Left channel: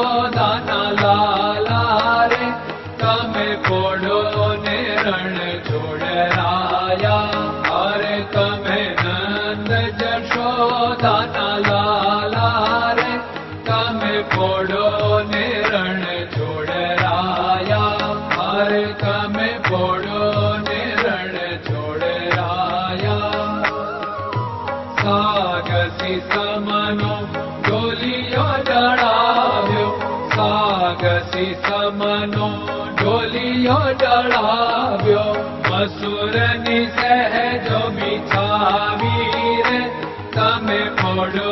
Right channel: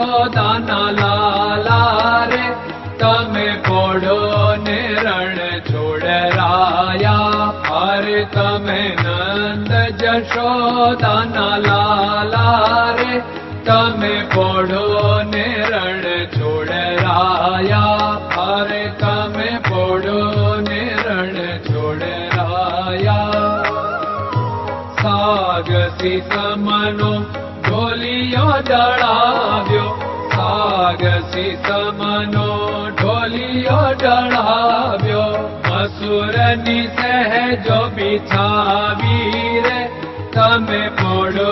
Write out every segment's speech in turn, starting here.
જશોદાના લાલા રે તમે પોડો ને રણ છોડરાયા. અરે તમે નંદ જશોદાના લાલા રે તમે પોડો ને રણ છોડરાયા. અરે તમે પોડો ને રણ છોડરાયા. સાગસી સમનો ઢોલિયો ડળાવ્યો, સાગસી સમનો ઢોલિયો ડળાવ્યો. મસૂરની સહેજો બિછાવી રે તમે પોડો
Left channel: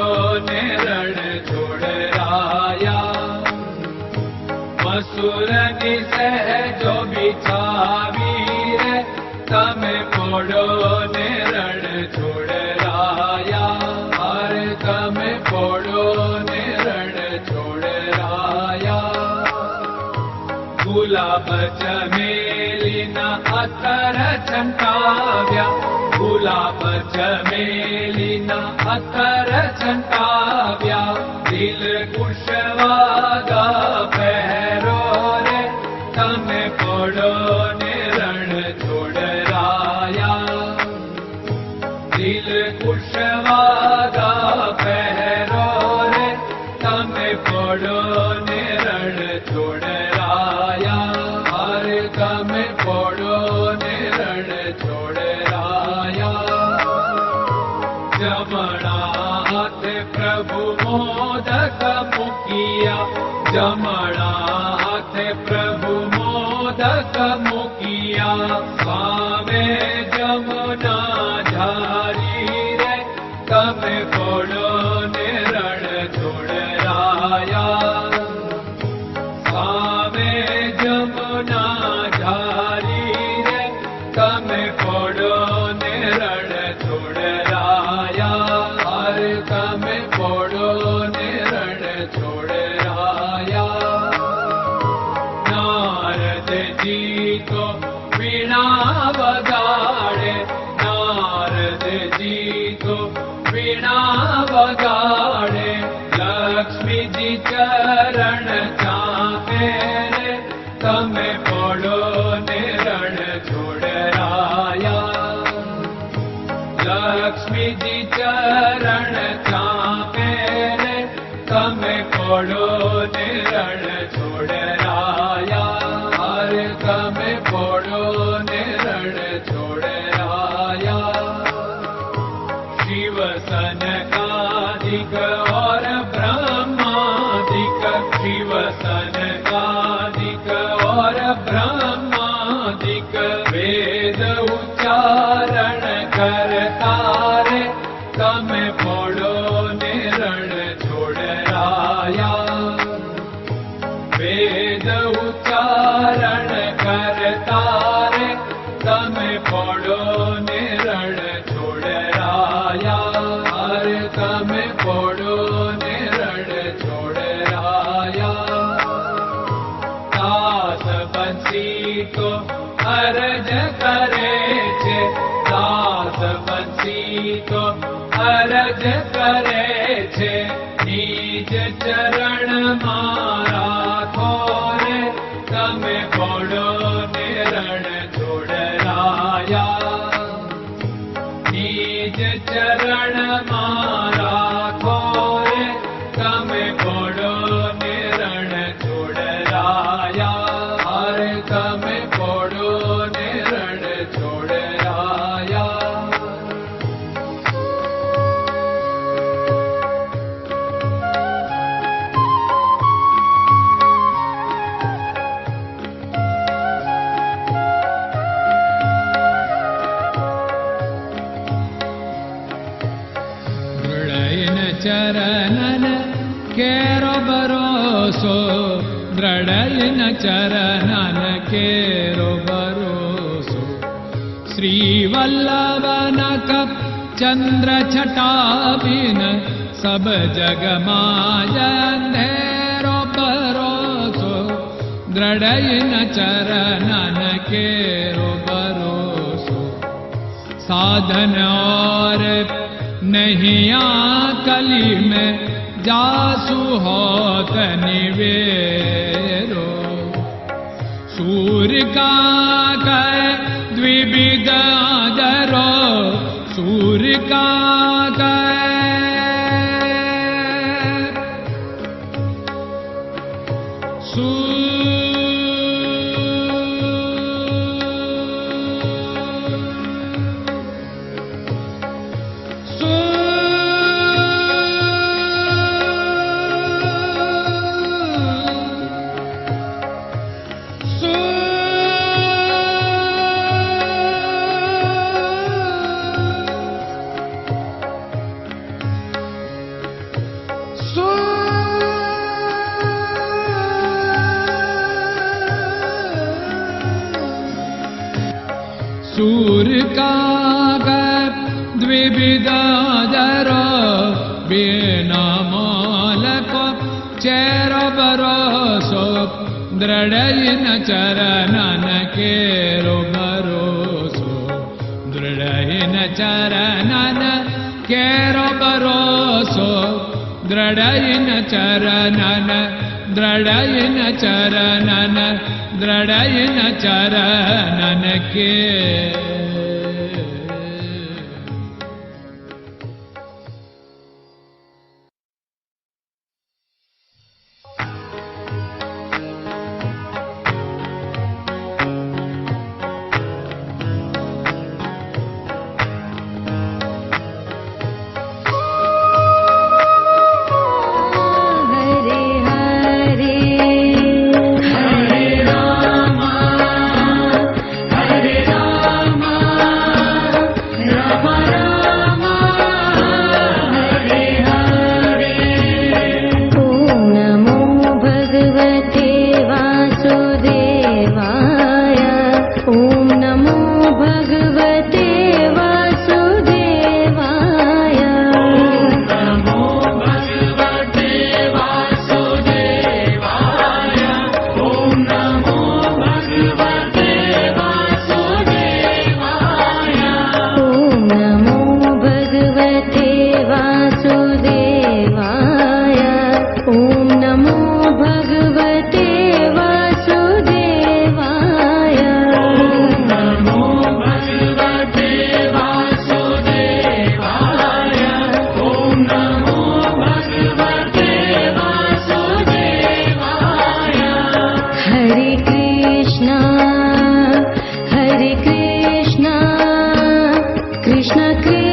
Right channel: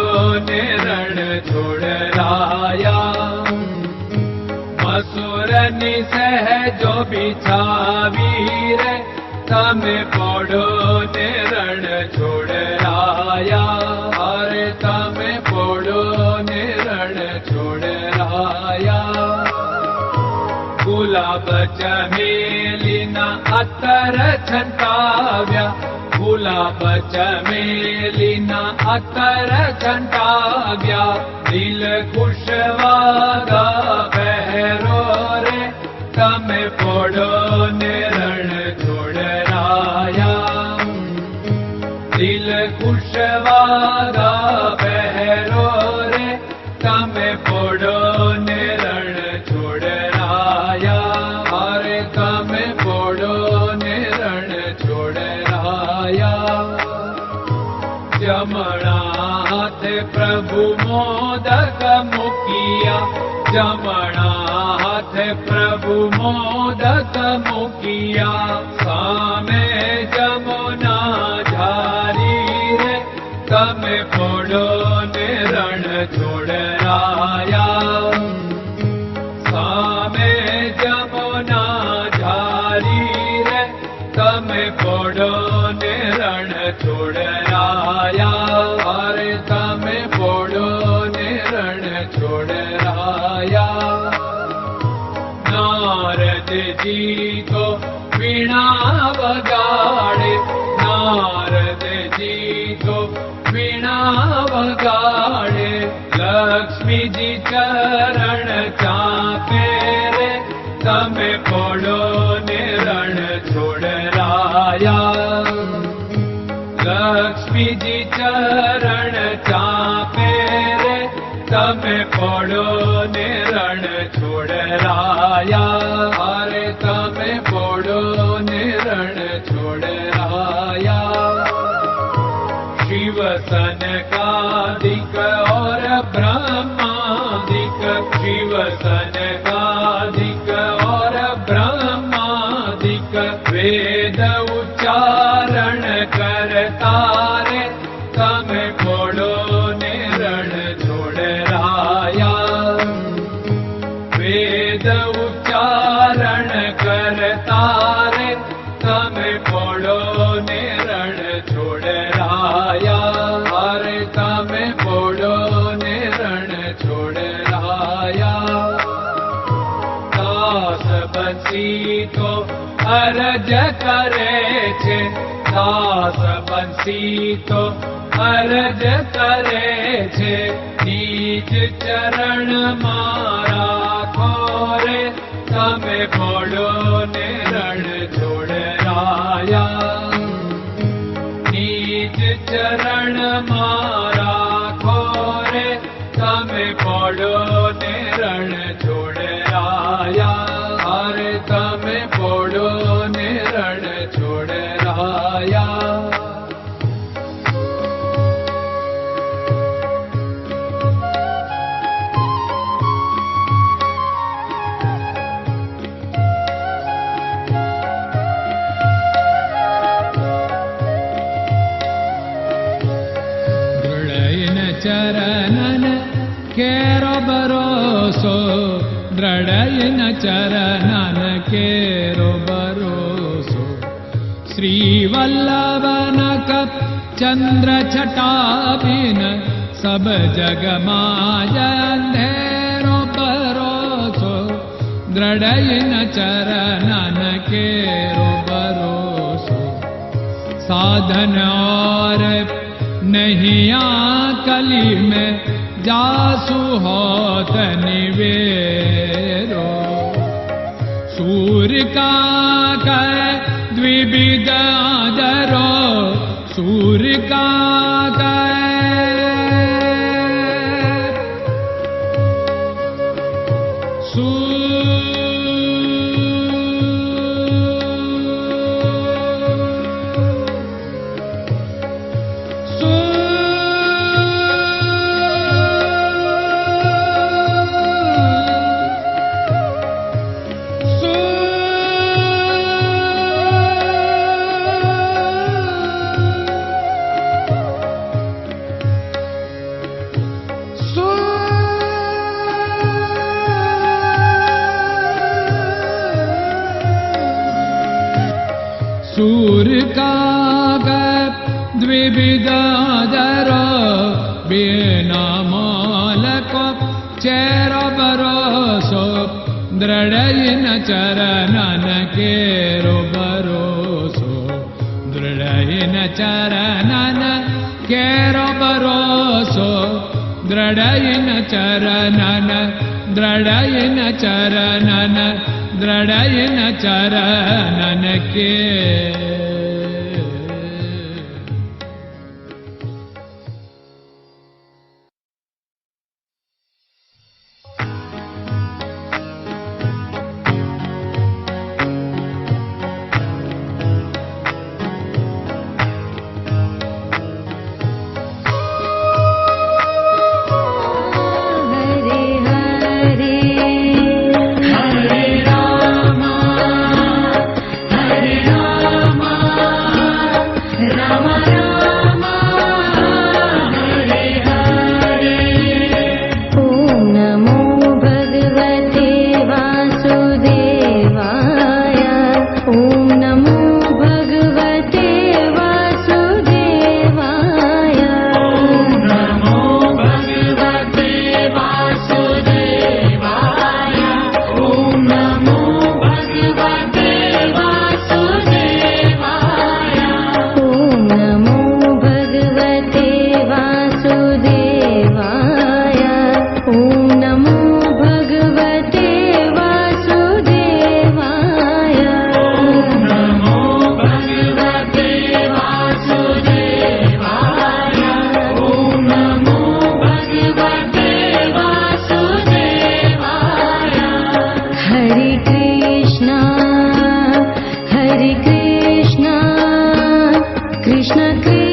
ને રણ છોડરાયા. મસૂરની સહેજો બિછાવી રે તમે પોડો ને રણ છોડરાયા. અરે તમે પોડો ને રણ છોડરાયા. ગુલાબ ચમેલીના અત્તર છંટાવ્યા, ગુલાબ ચમેલીના અત્તર છંટાવ્યા. દિલ કુશવાદા પહેરો રે તમે પોડો ને રણ છોડરાયા. દિલ કુશવાદા પહેરો રે તમે પોડો ને રણ છોડરાયા. અરે તમે પોડો ને રણ છોડરાયા. જમણા હાથે પ્રભુ મોદક મૂકિયા, જમણા હાથે પ્રભુ મોદક મૂકિયા. સામે જમુના ઝારી રે તમે પોડો ને રણ છોડરાયા. સામે જમુના ઝારી રે તમે પોડો ને રણ છોડરાયા. અરે તમે પોડો ને રણ છોડરાયા. નારદજી તો વીણા વગાડે, નારદજી તો વીણા વગાડે. લક્ષ્મીજી ચરણ ચાકે રે તમે પોડો ને રણ છોડરાયા. લક્ષ્મીજી ચરણ ચાપે રે તમે પોડો ને રણ છોડરાયા. અરે તમે પોડો ને રણ છોડરાયા. શિવ સનકાદિક और ब्रह्मादिक, शिव सनकादिक और ब्रह्मादिक. वेद उच्चारण करता रे તમે પોડો ને રણ છોડરાયા. વેદ ઉચ્ચારણ કરતા રે તમે પોડો ને રણ છોડરાયા. અરે તમે પોડો ને રણ છોડરાયા. દાસ બંસી તો અરજ કરે છે, દાસ બંસી તો અરજ કરે છે. નીચ ચરણ મારા ખોરે તમે પોડો ને રણ છોડરાયા. નીચ ચરણ મારા ખોરે તમે પોડો ને રણ છોડરાયા. અરે તમે પોડો ને રણ છોડરાયા. ચરણન કેરો ભરોસો, દ્રઢયન ચરણન કેરો ભરોસો. શ્રી વલ્લભન કપ ચંદ્ર છટાબિન સબ જગમાં અંધેરો ભરોસો. દ્રઢયન ચરણન કેરો ભરોસો. साधन और नहीं कली में जासु होत निवेरो। सूर्य का कै द्विविध आदरो, सूर्य का सूर्य का द्विविधादरो, बिना मोल को चेर भरोसो, दृढ़ चरणन केरो भरोसो, दृढ़ चरणन केरो भरोसो, दृढ़ चरणन, दृढ़ चरणन, दृढ़ चरणन के। Krishna Krishna